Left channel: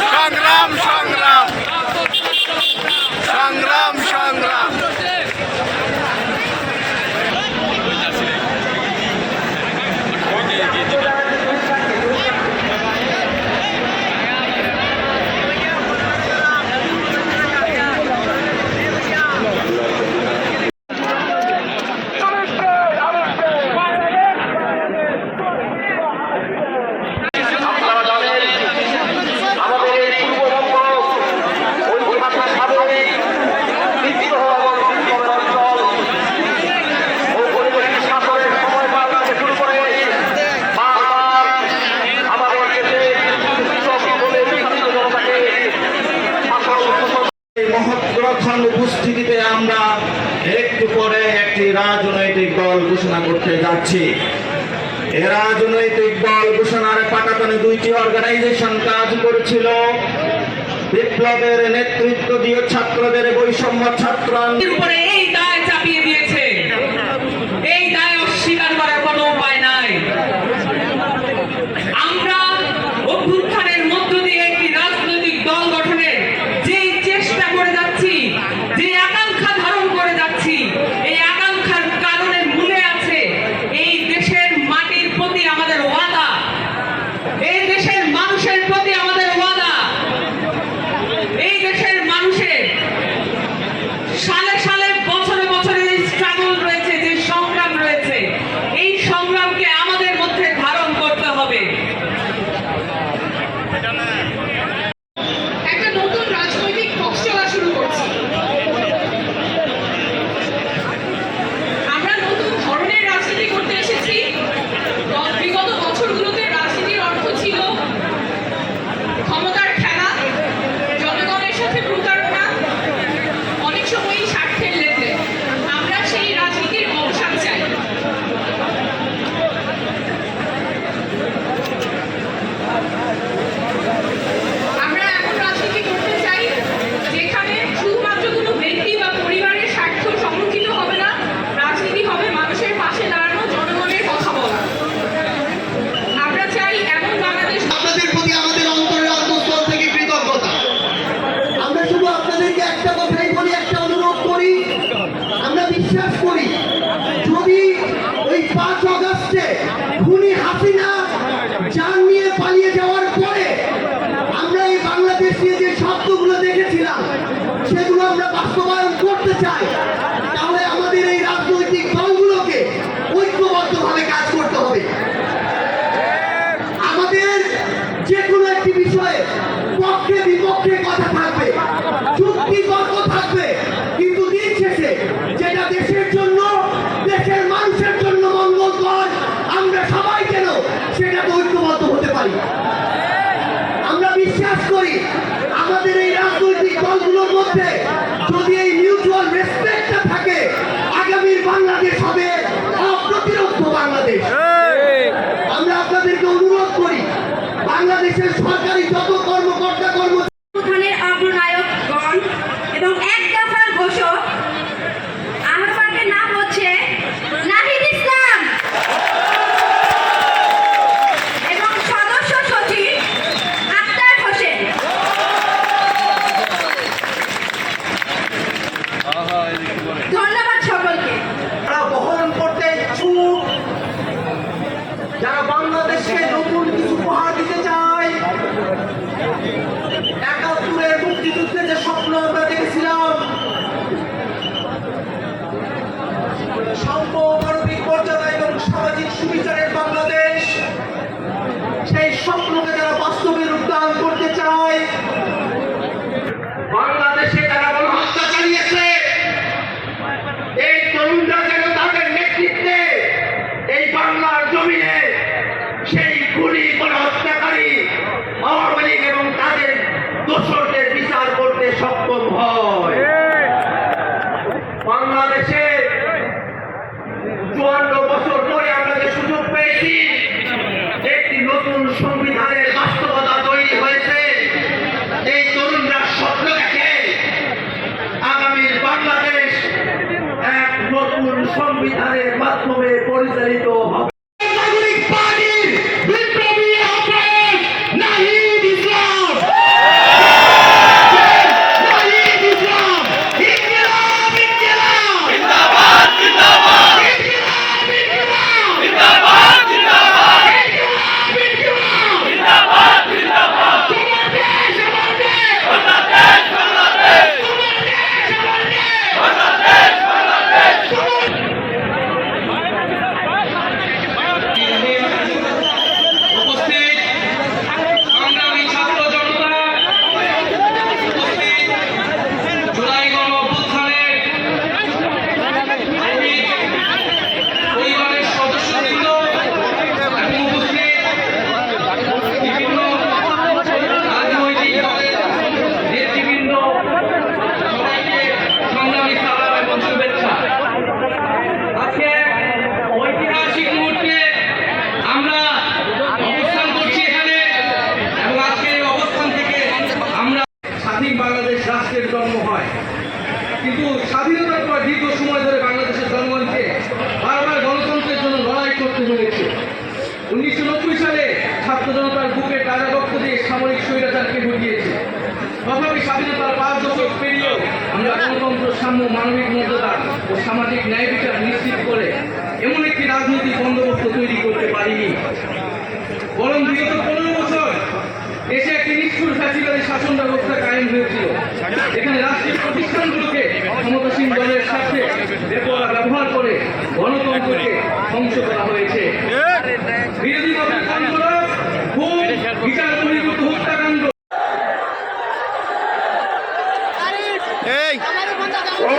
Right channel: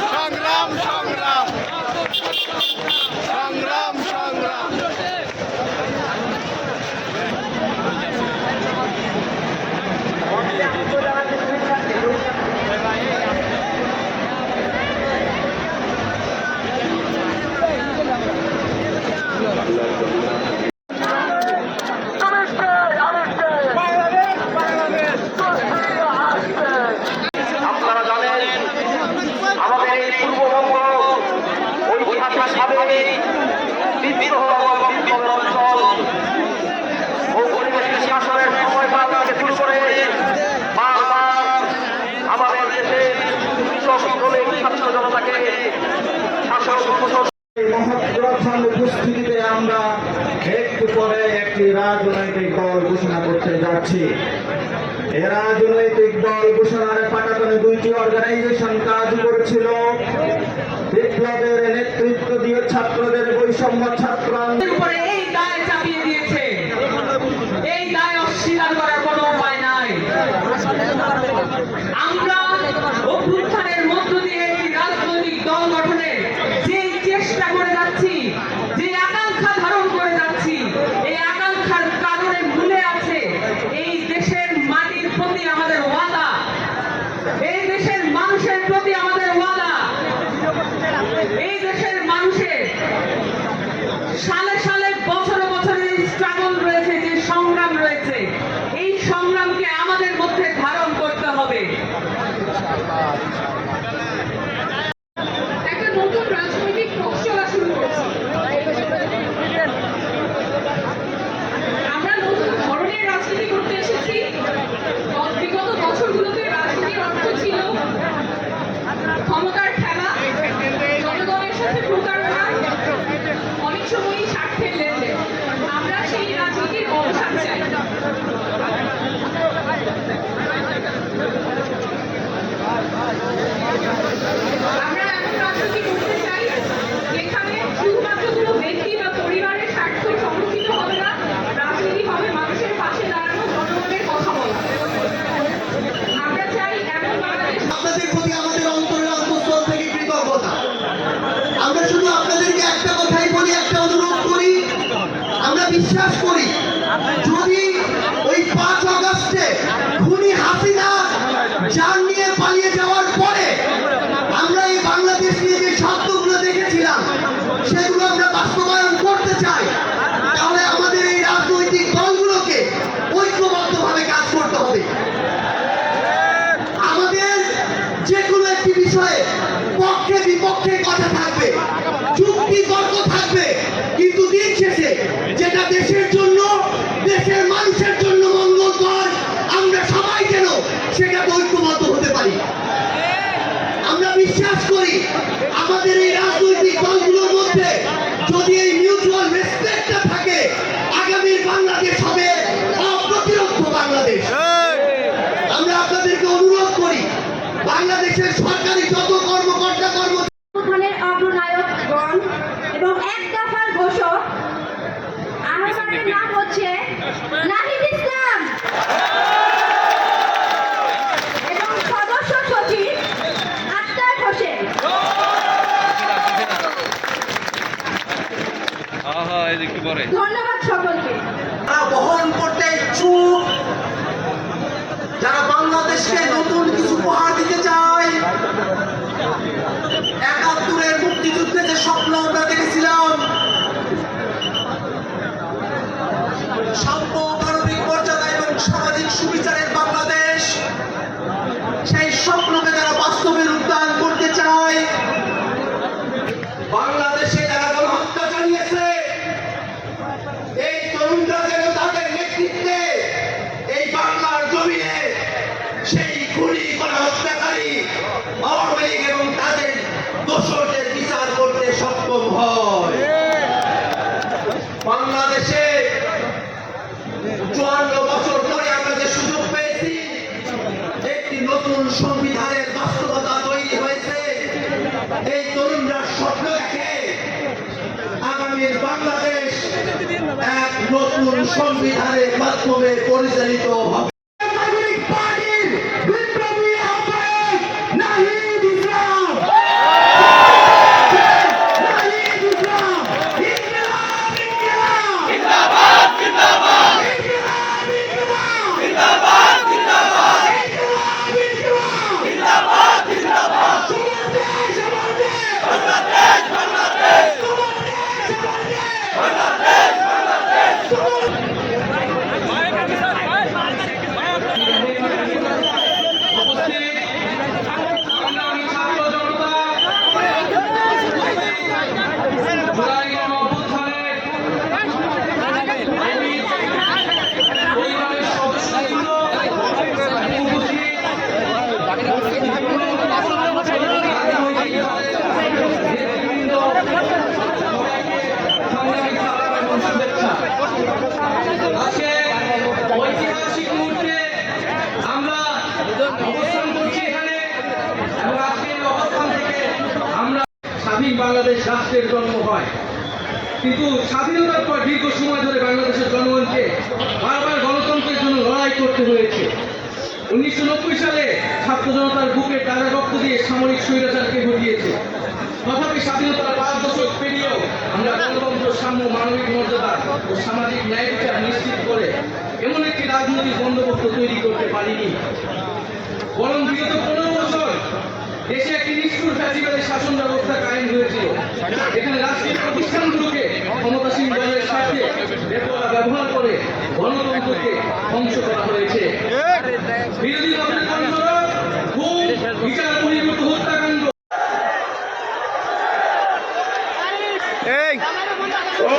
সংগ্রাম সংগ্রাম সংগ্রাম সংগ্রাম উপস্থিতিতে আমরা একটু পরে একটি রাজনৈতিক দল ঘোষণা করতে যাচ্ছি। এই রাজনৈতিক দল ঘোষণার পাটাতনে দুইটি অর্গানাইজেশন কাজ করেছিল। বিপ্লবের নেতৃত্ব দিয়ে ছাত্রদের বৈষম্য ছাত্র উপরে এই দায় চাপিয়ে দিয়েছে। এই দায় অস্বীকার করার কোনো উপায় নাই। আমরা অভ্যুত্থানের মধ্য দিয়ে একটি রাজনৈতিক দল গঠনের যে চেষ্টা করে যাচ্ছি, যে আকাঙ্ক্ষা ধারণ করে যাচ্ছি, এই আকাঙ্ক্ষার কারণে মূলে আছে এই দেশের মাটির প্রতি আমাদের ওয়াদা, এই দেশের মানুষের প্রতি আমাদের ওয়াদা। এই দেশের মানুষের সালে সালে বছরে বছরে স্ট্রাগল রয়েছে, যে সংগ্রাম রয়েছে, এই সংগ্রামকে আমাদের মধ্যে ধারণ করতে হবে। একটা নতুন রাজনৈতিক পথ চলা শুরু করছি। আমরা নতুন ধরনের রাজনীতি করতে এসেছি। বিগত বছরগুলোতে রাজনীতির অর্থ ছিল ক্ষমতার খেলা, জনগণের সাথে প্রতারণা, অনেক সময়ই স্বার্থের লেনদেন। আমরা সেই রাজনীতির অবসান চাই। আমরা এমন রাজনীতি করতে চাই যেখানে শুধুমাত্র কোনো ব্যক্তি বা পরিবারের স্বার্থ সংরক্ষিত হবে না, রাজনীতি হবে মানুষের পাশে দাঁড়ানো, জনগণের কথা বলা। আমরা চাই এমন বাংলাদেশ। আপনাদের প্রতি আমাদের অন্তরের অন্তঃস্থল থেকে কৃতজ্ঞতা। আমরা শুধু আপনাদেরকে একটা কথাই বলি, একটা অনুরোধ করি। আমরা বিশ্বাস করি যদি ওই 5 আগস্টে খুনি হাসিনা জান নিয়ে পালিয়ে যাওয়ার পরে আমরা এই বাংলাদেশ নিয়ে যে স্বপ্নগুলো দেখেছিলাম সেগুলো আমরা বাস্তবায়ন করতে চাই, তাহলে আমাদের এই রাজনৈতিক দলগুলোকে ঐক্যবদ্ধভাবে কাজ করতে হবে। আমাদের যে কোনো একটি বিষয়ে পক্ষে বিপক্ষে কথা থাকবে, যুক্তি তর্ক থাকবে, কিন্তু দিন শেষে যেটা দেশের জন্য, দেশের মানুষের জন্য মঙ্গলকর, আমরা সবাই যেন সেটা ঐক্যবদ্ধ হতে পারি। আমরা বিশ্বাস করি আমাদের এই রাজনৈতিক দলগুলোর মধ্যে যদি এই মিউচুয়াল রেসপেক্টটা থাকে, আগামীর বাংলাদেশ হবে অপ্রতিরোধ বাংলাদেশ। আমরা আপনাদেরকে অনুরোধ করি বাংলাদেশের সরকারি যত কর্মকর্তা উত্থানের অগ্রনায়কগণ এবং এক দফার ঘোষক আহ্বানের নাম হচ্ছে নাহিদ ইসলাম এবং সদস্য সচিব আক্তার হোসেন। ধন্যবাদ সকলকে। বহন করতে ইচ্ছুক, যারা বাংলাদেশকে নতুন কিছু উপহার দিতে চায়। ৭১-এর মুক্তিযুদ্ধে যে স্বপ্ন আমরা দেখেছিলাম, সাম্য, মানবিক মর্যাদা এবং সামাজিক সুবিচারের বাংলাদেশ, সেই স্বপ্নকে যারা বাস্তবে রূপদান করতে চায়, বাংলাদেশে যারা গণহত্যা চালিয়েছে, নতুন সংবিধানের মাধ্যমে পরিচালিত হবে। নাগরিক পার্টির বিপ্লবী আহ্বায়ক নাহিদ ইসলাম, নাহিদ ইসলাম, ইনকিলাব, ইনকিলাব, জিন্দাবাদ, জিন্দাবাদ, ইনকিলাব, ইনকিলাব, জিন্দাবাদ, জিন্দাবাদ, ইনকিলাব, ইনকিলাব, জিন্দাবাদ, জিন্দাবাদ, তোমার দেশ, আমার দেশ, বাংলাদেশ, বাংলাদেশ, তোমার দেশ, আমার দেশ, বাংলাদেশ, বাংলাদেশ, উপস্থিত সংগ্রামী ছাত্র জনতা, উপস্থিত জুলাই গণ অভ্যুত্থানের পরিবারের সদস্যবৃন্দ এবং উপস্থিত বিভিন্ন রাজনৈতিক দলের নেতৃবৃন্দ, সবাইকে সংগ্রামী সালাম এবং শুভেচ্ছা। আজকে ঐতিহাসিক মুহূর্তে আমরা অবস্থান করছি এখানে এবং আজকের এই অবস্থান থেকে আমরা স্বাধীন বাংলাদেশ রাষ্ট্রের জন্ম হয়, কিন্তু স্বাধীনতার পর দীর্ঘ সময় ধরে বাংলাদেশের জনগণকে বারবার গণতন্ত্রের জন্য লড়াই করতে হয়েছে। 1990 সালে ছাত্র জনতার বুকে টাকা রক্ত দিয়ে সামরিক স্বৈরাচারকে ঘটিয়েছে। তথাপি স্বাধীনতার 5 দশক পেরিয়েও আমরা গণতন্ত্র, সাম্য, মানবিক মর্যাদা ও সামাজিক ন্যায় বিচার নিশ্চিত করে এমন একটি রাজনৈতিক বন্দোবস্ত তৈরি করতে পারিনি, বরং বিগত 15 বছর দেশে একটি নিষ্ঠুর ফ্যাসিবাদী শাসন ব্যবস্থা কায়েম হয়েছিল, এখানে রাষ্ট্রীয় প্রতিষ্ঠানগুলোকে ক্ষমতাসীন দলের সাথে ব্যবহার করে গণতন্ত্রকে ধ্বংস করা হয়েছে। বিরোধী দলের আন্দোলন, খুন, বিচার বহির্ভূত হত্যাকাণ্ড, এই ও